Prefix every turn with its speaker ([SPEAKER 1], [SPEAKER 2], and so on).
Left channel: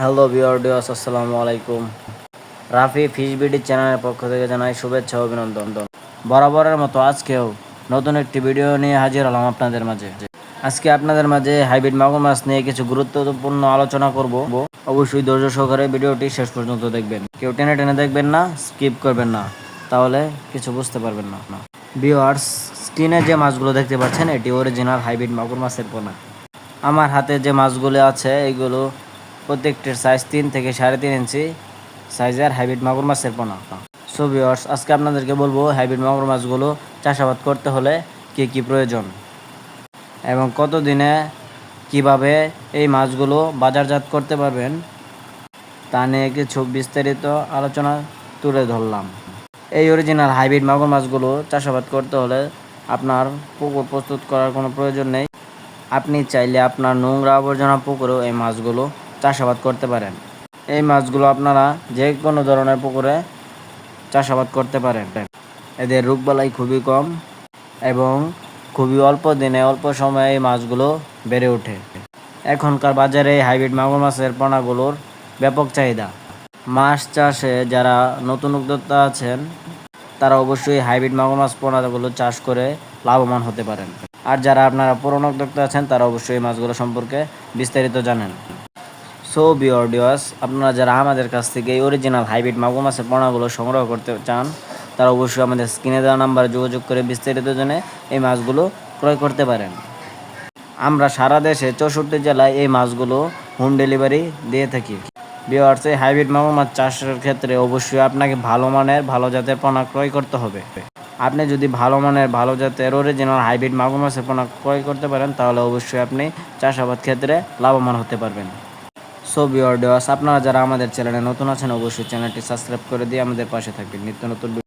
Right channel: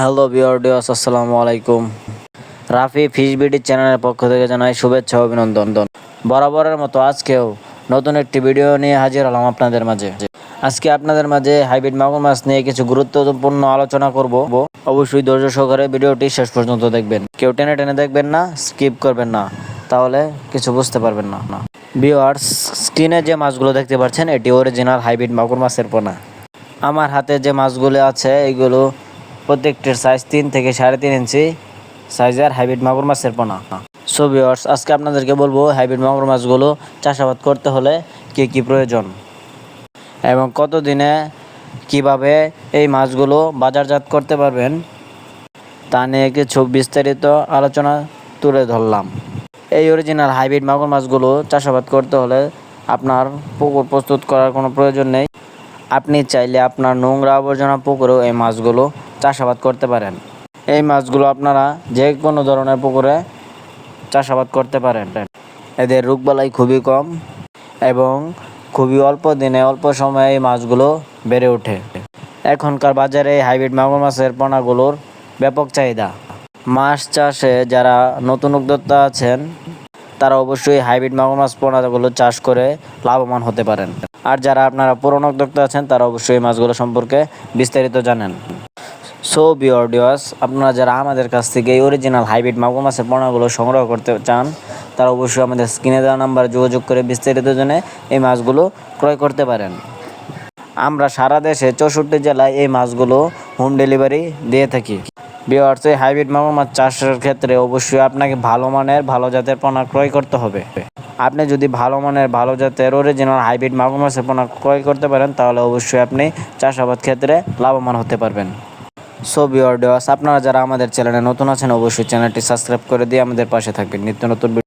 [SPEAKER 1] Hello বিয়ার্ডিয়াস আসসালামু আলাইকুম। Rafi fish BD চ্যানেলের পক্ষ থেকে জানাই শুভেচ্ছা অভিনন্দন। বরাবরের মতো আজকেও নতুন একটি ভিডিও নিয়ে হাজির হলাম আপনাদের মাঝে। আজকে আপনাদের মাঝে হাইব্রিড মাগুর মাছ নিয়ে কিছু গুরুত্বপূর্ণ আলোচনা করব। অবশ্যই ধৈর্য সহকারে ভিডিওটি শেষ পর্যন্ত দেখবেন। কেউ টেনে টেনে দেখবেন না, স্কিপ করবেন না, তাহলে কিছু বুঝতে পারবেন না না ভিওয়ার্স স্ক্রিনে যে মাছগুলো দেখতে পাচ্ছেন, এটি অরিজিনাল হাইব্রিড মাগুর মাছের পোনা। আমার হাতে যে মাছগুলো আছে, এগুলো প্রত্যেকটির সাইজ তিন থেকে সাড়ে তিন ইঞ্চি সাইজের হাইব্রিড মাগুর মাছের পোনা। সো ভিওর্স আজকে আপনাদেরকে বলব হাইব্রিড মাগুর মাছগুলো চাষাবাদ করতে হলে কী কী প্রয়োজন এবং কত দিনে কীভাবে এই মাছগুলো বাজারজাত করতে পারবেন তা নিয়ে কিছু বিস্তারিত আলোচনা তুলে ধরলাম। এই অরিজিনাল হাইব্রিড মাগুর মাছগুলো চাষাবাদ করতে হলে আপনার পুকুর প্রস্তুত করার কোনো প্রয়োজন নেই। আপনি চাইলে আপনার নোংরা আবর্জনা পুকুরেও এই মাছগুলো চাষাবাদ করতে পারেন। এই মাছগুলো আপনারা যে কোনো ধরনের পুকুরে চাষাবাদ করতে পারেন। এদের রোগবালাই খুবই কম এবং খুবই অল্প দিনে অল্প সময়ে এই মাছগুলো বেড়ে ওঠে। এখনকার বাজারে এই হাইব্রিড মাগুর মাছের পোনাগুলোর ব্যাপক চাহিদা। মাছ চাষে যারা নতুন উদ্যোক্তা আছেন, তারা অবশ্যই হাইব্রিড মাগুর মাছ পোনাগুলো চাষ করে লাভবান হতে পারেন। আর যারা আপনারা পুরনো উদ্যোক্তা আছেন, তারা অবশ্যই এই মাছগুলো সম্পর্কে বিস্তারিত জানেন। সো বিওডিওস আপনারা যারা আমাদের কাছ থেকে এই অরিজিনাল হাইব্রিড মাগুর মাছের পোনাগুলো সংগ্রহ করতে চান, তারা অবশ্যই আমাদের স্ক্রিনে দেওয়া নাম্বারে যোগাযোগ করে বিস্তারিত জেনে এই মাছগুলো ক্রয় করতে পারেন। আমরা সারা দেশে চৌষট্টি জেলায় এই মাছগুলো হোম ডেলিভারি দিয়ে থাকি। বিওয়ার্স এই হাইব্রিড মাগুর মাছ চাষের ক্ষেত্রে অবশ্যই আপনাকে ভালো মানের, ভালো জাতের পোনা ক্রয় করতে হবে। আপনি যদি ভালো মানের, ভালো জাতের অরিজিনাল হাইব্রিড মাগুর মাছের পোনা ক্রয় করতে পারেন, তাহলে অবশ্যই আপনি চাষাবাদ ক্ষেত্রে লাভবান হতে পারবেন। সো বিওয়ার্ডস আপনারা যারা আমাদের চ্যানেলে নতুন আছেন, অবশ্যই চ্যানেলটি সাবস্ক্রাইব করে দিয়ে আমাদের পাশে থাকবেন। নিত্য নতুন